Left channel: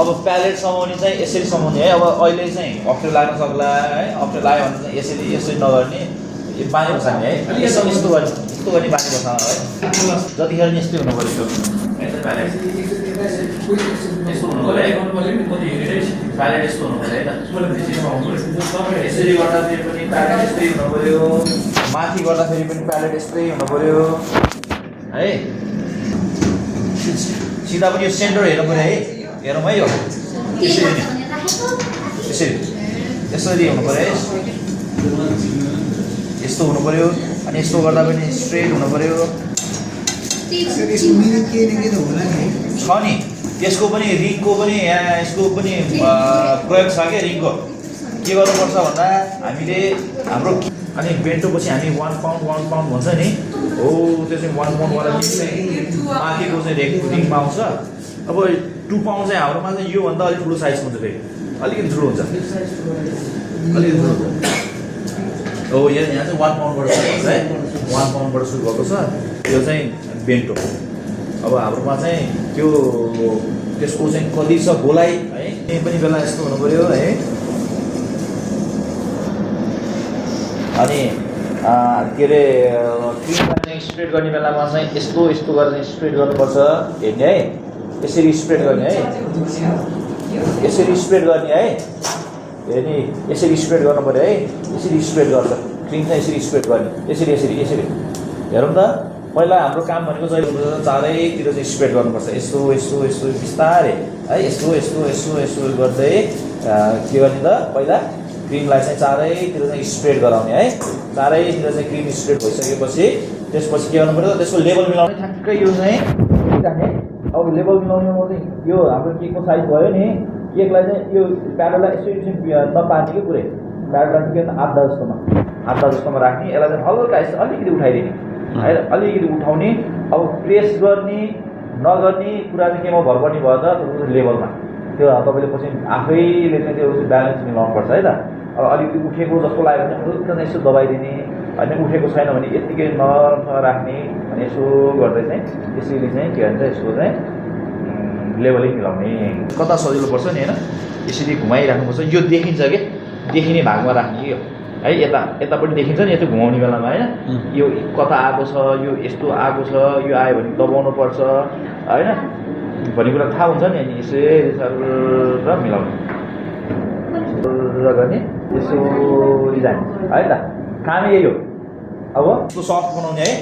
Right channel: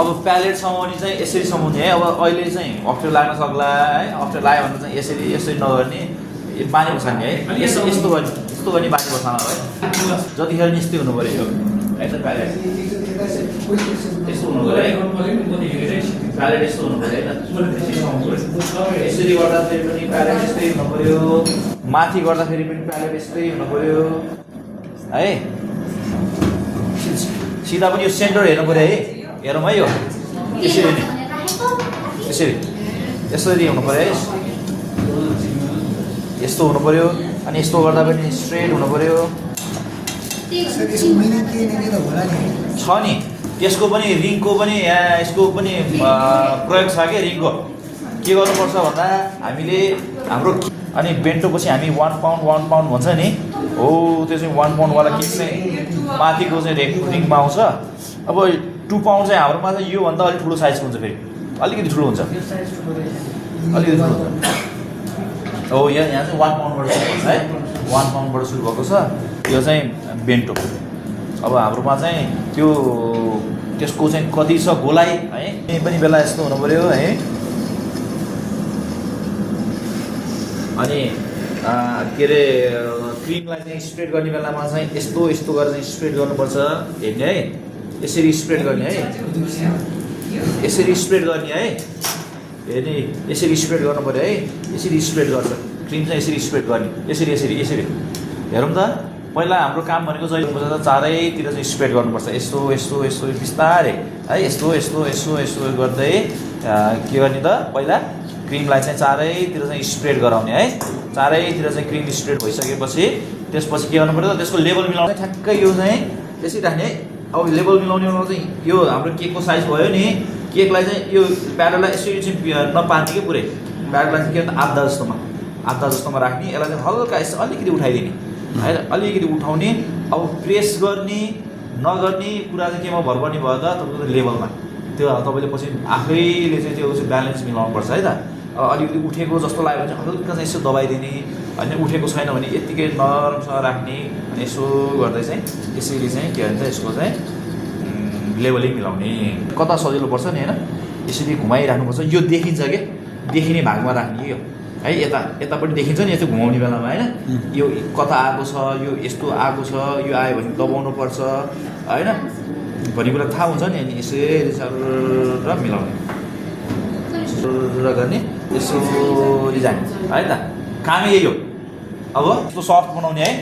अब प्यालेट समाउने चाहिँ यसरी समाउने है। अब अहिले चाहिँ अप्ठ्यारो लाग्न सक्ला है, अप्ठ्यारो लाग्यो भने चाहिँ यसरी नगर्ने, बानी बसाल्ने है। यस्तो गर्ने बानी बसाल्न है। जतिखेर नि यस्तै हुनु पऱ्यो है त प्यालेट। यस्तो हुनु पऱ्यो है, प्यालेट यस्तो हुनु पऱ्यो है त। यसरी गर्दाखेरि पनि प्यालेट यस्तै हुनु पऱ्यो, माथि गर्दाखेरि पनि प्यालेट यस्तै हुनु पऱ्यो है। सिधा पनि यो सेन्टर हेर्नु पऱ्यो है। हेरौँ है, यो यसरी यसरी हुनु पऱ्यो है। यस्तो हुनु पऱ्यो, अनि यस्तो गर्दा पनि स्ट्रेट हुनु पऱ्यो। छ नि यसको पनि रिङको पनि यहाँ यसको पनि प्रयोग छ क्या रिङको। के गर्नुपर्छ भन्दा हामीले हाम्रो अनि बेन्टोपछि हामी 1 पाउन्ड भन्छ नि हो, त्यो चाहिँ 1 पाउन्डवाला किट चाहिँ माथिको चाहिँ रिङमा आउँछ। अब 2 पाउन्ड चाहिँ हाम्रोमा चाहिँ योभन्दा अलिक ठुलो साइजको हुन्छ, फेरि अलिकति ठुलो हुन्छ, अलिकति ठुलो हो। यहाँ चाहिँ 1 पाउन्डबाट है, 1 पाउन्डबाट सुरु भएको छ। त्यो चाहिँ बेन्टो। अब हाम्रोमा चाहिँ त्यसको चाहिँ कति छ गोलाइ है, यही पनि बेला यस्तो हुनु पऱ्यो है। अनि के अरे क्रिममा चाहिँ स्प्रेड गर्ने बेलामा चाहिँ यस्तो गरेर स्प्रेड गर्नुपर्छ हेर्ने है। यसरी स्प्रेड गर्ने है, यसरी स्प्रेड गर्ने है। हेर्ने यसरी स्प्रेड गर्नु पऱ्यो है। यसरी स्प्रेड गर्छ क्रिम चाहिँ, यसरी स्प्रेड गर्ने, यसरी हेरौँ त। पहिला हाम्रो काम भनेको चाहिँ चारैतिर चाहिँ स्प्रेड गर्नुपर्छ, यस्तो बिस्तारै है। यस्तो गर्दै के गर्ने त, पहिला क्रिमलाई चाहिँ चारैतिर चाहिँ स्प्रेड गराउने है। चारैतिर चाहिँ क्रिम स्प्रेड भइसकेपछि त्यसपछि के गर्नु पर्छ, त्यसको लेभल मिलाउने ठ्याक्कै यो चाहिँ यसरी राख्ने। अब लेभल मिलाउनेमा चाहिँ यो हाम्रो केकको साइज भयो नि, केकलाई चाहिँ यो प्याडलाई यसरी चाहिँ नपार्ने कि पुरै प्याडलाई चाहिँ के भन्छ आधा जस्तोमा राख्ने। यसलाई चाहिँ हल्का यसो अलिकति उठाइदिने है, अलिकति उठाउने। अब प्रेस गर्ने नगर्ने कुरा चाहिँ केमा भर पर्ने भयो त, तपाईँको लेभलमा। त्यो तपाईँले पछि आफैले चाहिँ त्यो ब्यालेन्स मिलाउनुपर्छ है त। अब अलिकति उठेको जस्तो लाग्यो भने हल्का चाहिँ यसो दबाइदिने, होइन उठेको छैन भने यत्तिकै नरमसँग राख्ने। अनि यसो गर्दै चाहिँ यसरी चाहिँ के भन्छ यसको चाहिँ लेभलिङ मिलाउने। कता सजिलो पर्छ नि होइन, यसरी घुमाइराख्नुपर्छ। यो देखिन्छ कि देखिने भागमा राख्ने यो है। यता पनि देखिन्छ नि, यस्तो घुमाउने बेलामा होइन, यो कता आएको छ, यो यस्तो आएको छ, यो आयो भने दबाउनु पर्छ होइन भन्ने कुरा थाहा हुन्छ नि। अनि यसरी र मिलाउने गर्ने, यसरी जाने है त। कामै यही हो। अब यसको सफ्ट बनाउने है।